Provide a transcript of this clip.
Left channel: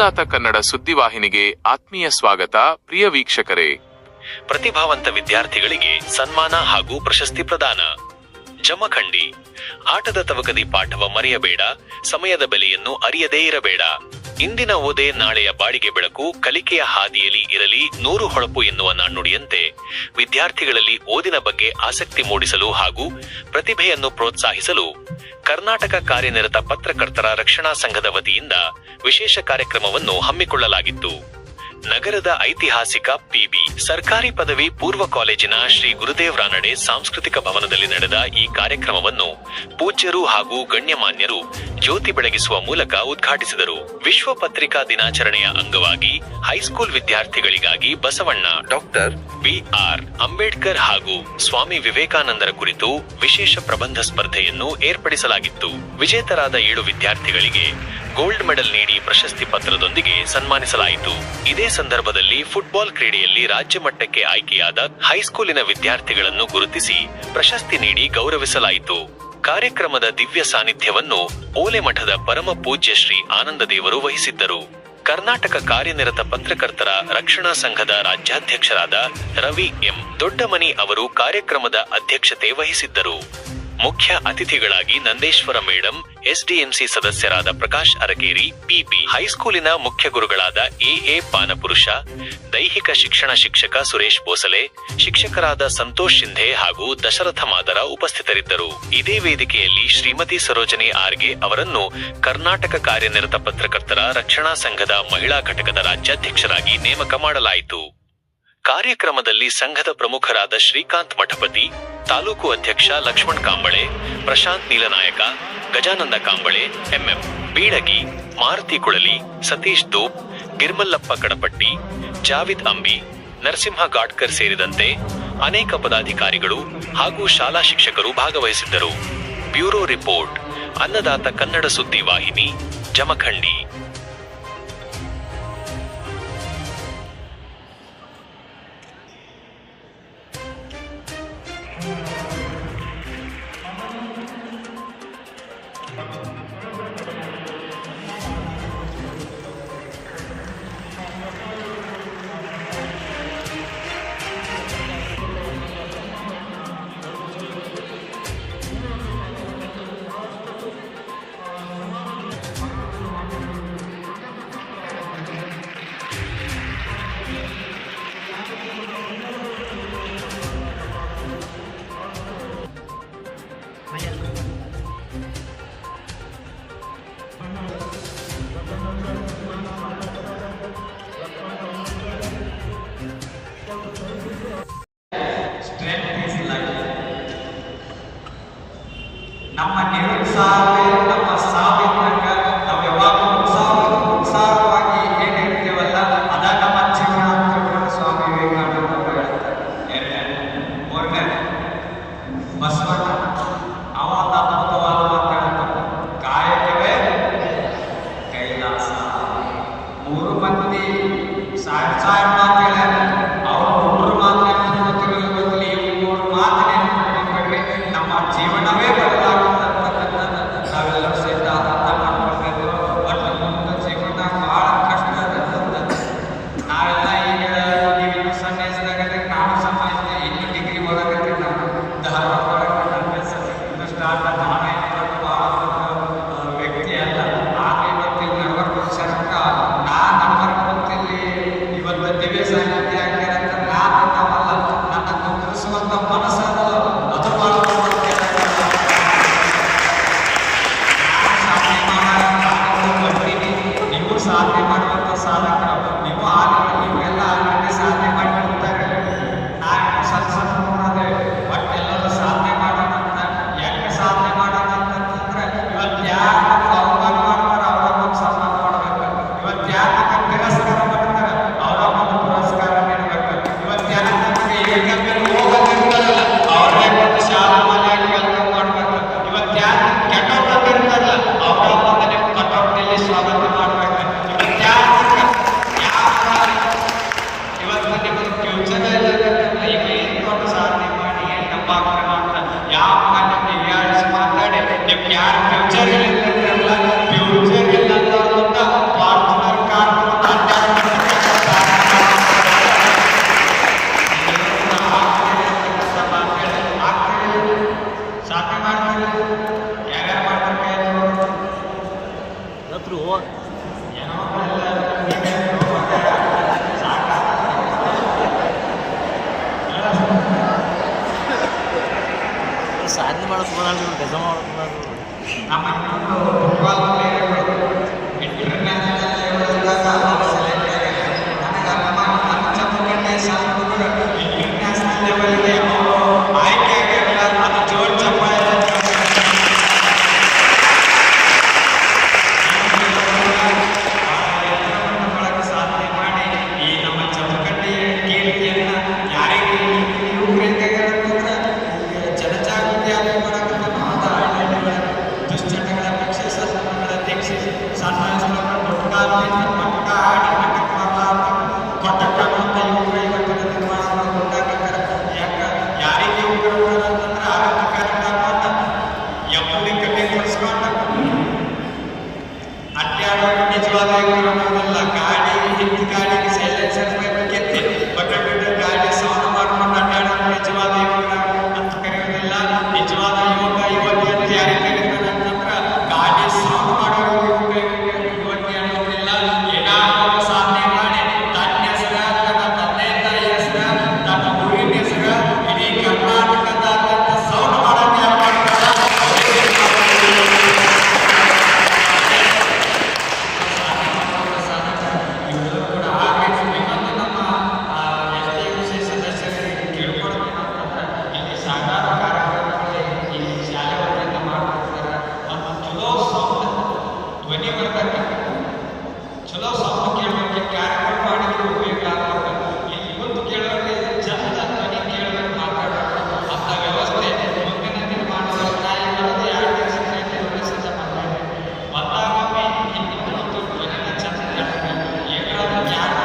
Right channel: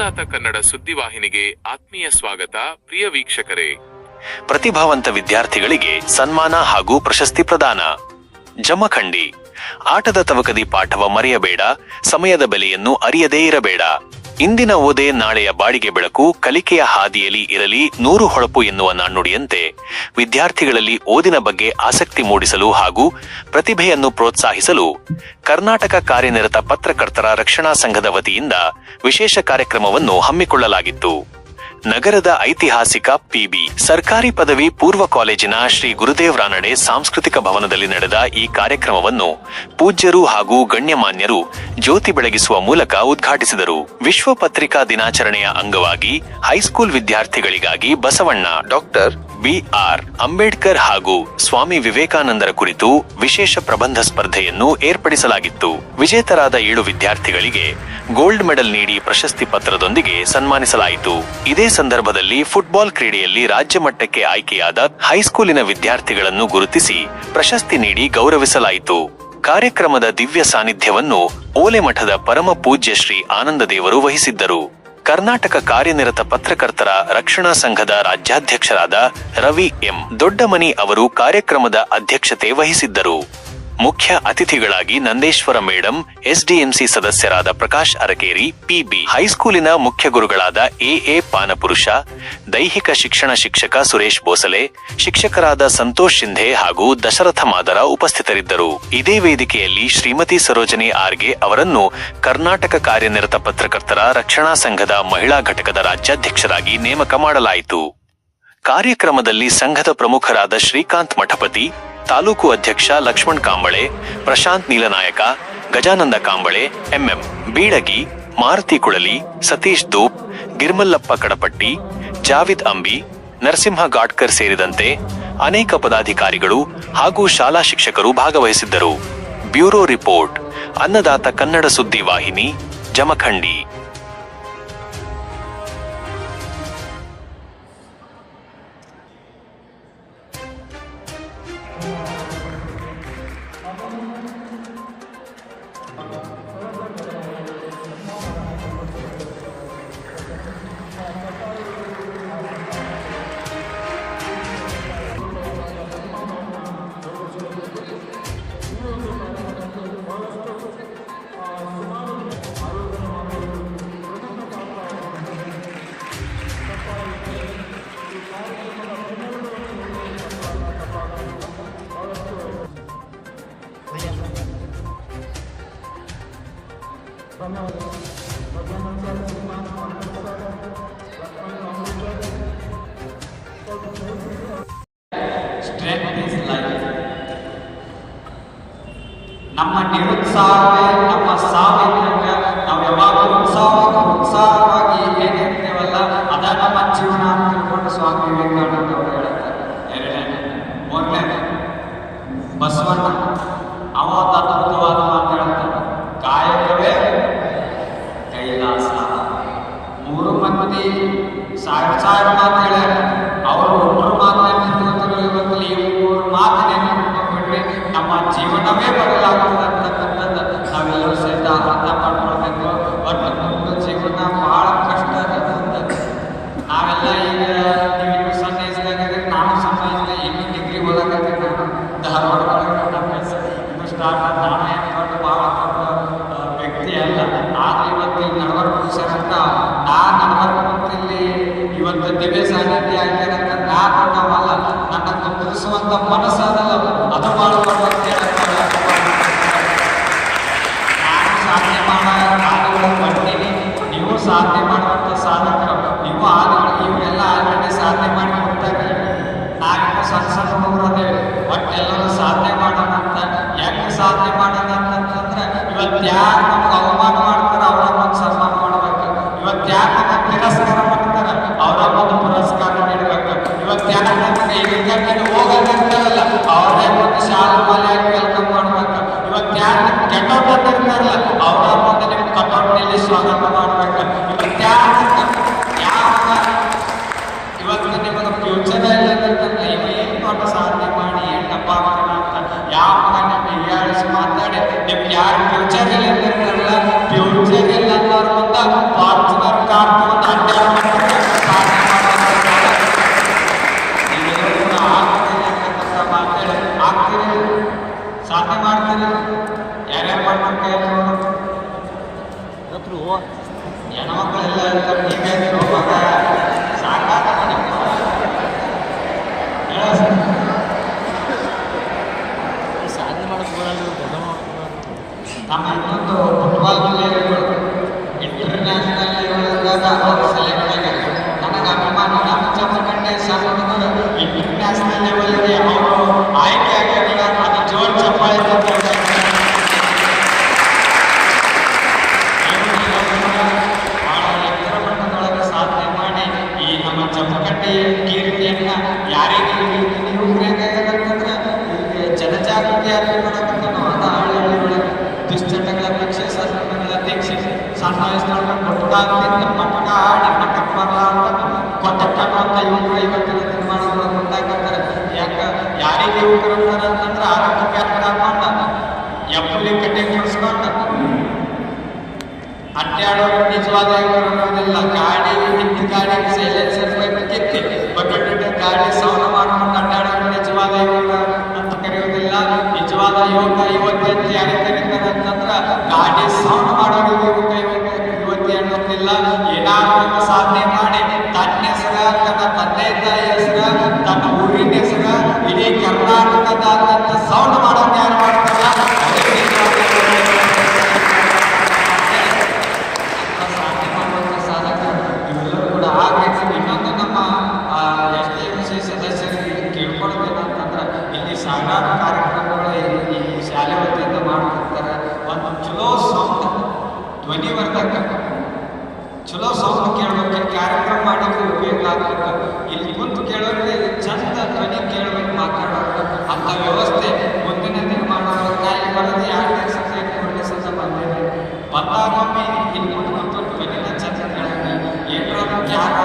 ಅನ್ನದಾತ ಕನ್ನಡ ಸುದ್ದಿವಾಹಿನಿಗೆ ಆತ್ಮೀಯ ಸ್ವಾಗತ, ಪ್ರಿಯ ವೀಕ್ಷಕರೇ. ಪ್ರತಿಭಾವಂತ ವಿದ್ಯಾರ್ಥಿಗಳಿಗೆ ಸನ್ಮಾನ ಹಾಗೂ ಪ್ರಶಸ್ತಿ ಪ್ರದಾನ. ಜಮಖಂಡಿ. ಆಟದ ತವಕದಿ ಪಾಠವ ಮರೆಯಬೇಡ, ಸಮಯದ ಬೆಲೆಯನ್ನು ಅರಿಯದೇ ಇರಬೇಡ. ಇಂದಿನ ಓದೆ ನಾಳೆಯ ಬಾಡಿಗೆ ಬೆಳಕು ಕಲಿಕೆಯ ಹಾದಿಯಲ್ಲಿ ಇರಲಿ ನೂರು ಹೊಳಪು ಎನ್ನುವ ನಾಣ್ಣುಡಿಯಂತೆ ವಿದ್ಯಾರ್ಥಿಗಳಲ್ಲಿ ಓದಿನ ಬಗ್ಗೆ ಆಸಕ್ತಿ ಮೂಡಿಸಲು ಹಾಗೂ ಪ್ರತಿಭೆಯನ್ನು ಪ್ರೋತ್ಸಾಹಿಸಲು ಕರ್ನಾಟಕ ಕಾರ್ಯನಿರತ ಪತ್ರಕರ್ತರ ರಕ್ಷಣಾ ಸಂಘದ ವತಿಯಿಂದ ವಿಶೇಷ ಕಾರ್ಯಕ್ರಮವನ್ನು ಹಮ್ಮಿಕೊಳ್ಳಲಾಗಿತ್ತು. ನಗರದ ಐತಿಹಾಸಿಕ ಪಿಬಿ ಸರ್ಕಾರಿ ಪದವಿ ಪೂರ್ವ ಕಾಲೇಜಿನ ಶ್ರೀ ಗುರುದೇವ್ ರಾನಡೆ ಸಾಂಸ್ಕೃತಿಕ ಭವನದಲ್ಲಿ ನಡೆದ ಈ ಕಾರ್ಯಕ್ರಮವನ್ನು ಪೂಜ್ಯರು ಹಾಗೂ ಗಣ್ಯಮಾನ್ಯರು ಜ್ಯೋತಿ ಬೆಳಗಿಸುವ ಮೂಲಕ ಉದ್ಘಾಟಿಸಿದರು. ವಿಶ್ವ ಪತ್ರಿಕಾ ದಿನಾಚರಣೆಯ ಅಂಗವಾಗಿ ಹೈಸ್ಕೂಲ್ ವಿದ್ಯಾರ್ಥಿಗಳಿಗಾಗಿ Basavanna, doctor B R Ambedkar ಹಾಗೂ ಸ್ವಾಮಿ ವಿವೇಕಾನಂದರ ಕುರಿತು ವಿಶೇಷ ಪ್ರಬಂಧ ಸ್ಪರ್ಧೆಯನ್ನು ಏರ್ಪಡಿಸಲಾಗಿತ್ತು. ವಿಜೇತರಾದ ಏಳು ವಿದ್ಯಾರ್ಥಿಗಳಿಗೆ ಗೋಲ್ಡ್ ಮೆಡಲ್ ನೀಡಿ ಪ್ರಶಸ್ತಿ ಪತ್ರದೊಂದಿಗೆ ಸನ್ಮಾನಿಸಲಾಯಿತು. ಇದೇ ಸಂದರ್ಭದಲ್ಲಿ ಫುಟ್ಬಾಲ್ ಕ್ರೀಡೆಯಲ್ಲಿ ರಾಜ್ಯ ಮಟ್ಟಕ್ಕೆ ಆಯ್ಕೆಯಾದ ಹೈಸ್ಕೂಲಿನ ವಿದ್ಯಾರ್ಥಿಗಳನ್ನು ಗುರುತಿಸಿ ಪ್ರಶಸ್ತಿ ನೀಡಿ ಗೌರವಿಸಲಾಯಿತು. ಕಾರ್ಯಕ್ರಮದ ದಿವ್ಯ ಸಾನ್ನಿಧ್ಯವನ್ನು ಓಲೆಮಠದ ಪರಮ ಪೂಜ್ಯ ಶ್ರೀ ಆನಂದದೇವರು ವಹಿಸಿದ್ದರು. ಕರ್ನಾಟಕ ಕಾರ್ಯನಿರತ ಪತ್ರಕರ್ತರ ರಕ್ಷಣಾ ಸಂಘದ ರಾಜ್ಯಾಧ್ಯಕ್ಷರಾದ ರವಿ ಎಂ ದೊಡ್ಡಮನಿ ಅವರು ಕಾರ್ಯಕ್ರಮದ ಅಧ್ಯಕ್ಷತೆ ವಹಿಸಿದ್ದರು. ಮುಖ್ಯ ಅತಿಥಿಗಳಾಗಿ ನಂದೇಶ್ವರ ಮೇಡಂ, ಎಸ್ಡಿಎಂಸಿ ಸದಸ್ಯರಾದ ಪ್ರಕಾಶ್ ಅರಕೇರಿ, ಪಿಬಿ ಹೈಸ್ಕೂಲಿನ ಮುಖ್ಯ ಗುರುಗಳಾದ ಎಎ ಪಾನಪುರುಷ, ದೈಹಿಕ ಶಿಕ್ಷಣ ಶಿಕ್ಷಕ ಸುರೇಶ್ ಬೋಸಲೆ, ಶಿಕ್ಷಕರಾದ ಸಂತೋಷ್ ಶಿಂಧೆ ಹಾಗೂ ದಶರಥ ಮಾದರ ಉಪಸ್ಥಿತರಿದ್ದರು. ಇದೇ ವೇದಿಕೆಯಲ್ಲಿ ಶ್ರೀಮತಿ ಸರೋಜನಿ ಆರ್ಗೆ ಅವರನ್ನು ಕರ್ನಾಟಕ ಕಾರ್ಯನಿರತ ಪತ್ರಕರ್ತರ ರಕ್ಷಣಾ ಸಂಘದ ಮಹಿಳಾ ಘಟಕದ ರಾಜ್ಯಾಧ್ಯಕ್ಷರಾಗಿ ನೇಮಕ ಮಾಡಲಾಯಿತು. ಕಾರ್ಯಕ್ರಮದಲ್ಲಿ ಸಂಘದ ಪ್ರಮುಖರಾದ ಶ್ರೀಕಾಂತ್ ಮಠಪತಿ ತಾಲೂಕು ಅಧ್ಯಕ್ಷ ಲಕ್ಷ್ಮಣ್ ಕಾಂಬಳೆ, ಪ್ರಶಾಂತ್ ನೀಲನಾಯಕ, ಗಜಾನಂದ ಕಾಂಬಳೆ, ಎಂಎಂ ಬೀಳಗಿ, ಮಾರುತಿ ಕುಳಲಿ, ಸತೀಶ್ ದೂಪ್ ಗಿರ್ಮಲ್ಲಪ್ಪ ಕಡಪಟ್ಟಿ, ಜಾವಿದ್ ಅಂಬಿ, ನರಸಿಂಹ ಗಾಡ್ಕರ್ ಸೇರಿದಂತೆ ಅನೇಕ ಪದಾಧಿಕಾರಿಗಳು ಹಾಗೂ ಶಾಲಾ ಶಿಕ್ಷಕರು ಭಾಗವಹಿಸಿದ್ದರು. ಬ್ಯೂರೋ ರಿಪೋರ್ಟ್, ಅನ್ನದಾತ ಕನ್ನಡ ಸುದ್ದಿ ವಾಹಿನಿ, ಜಮಖಂಡಿ. そんな not ಸಾಧನೆ ಮಾಡೋದು ನಮ್ಮ ಕಾರ್ಯಾಲಯ ಮಾಡೋಕ್ಕಿಂತ ಮಾತಾ ಹಳ್ಳಿಗಳ ದುಶ್ಚಟಗಳ ಅಧ್ಯಕ್ಷ ಸರ್ಕಾರ ಅಧ್ಯಕ್ಷ ಸಣ್ಣ ವಯಸ್ಸು ಮಾಡ್ಕೊಂಡು ದೊಡ್ಡ ಆಗಿ ಪಕ್ಕ ಆಡಿ ಪಕ್ಕ trabajo.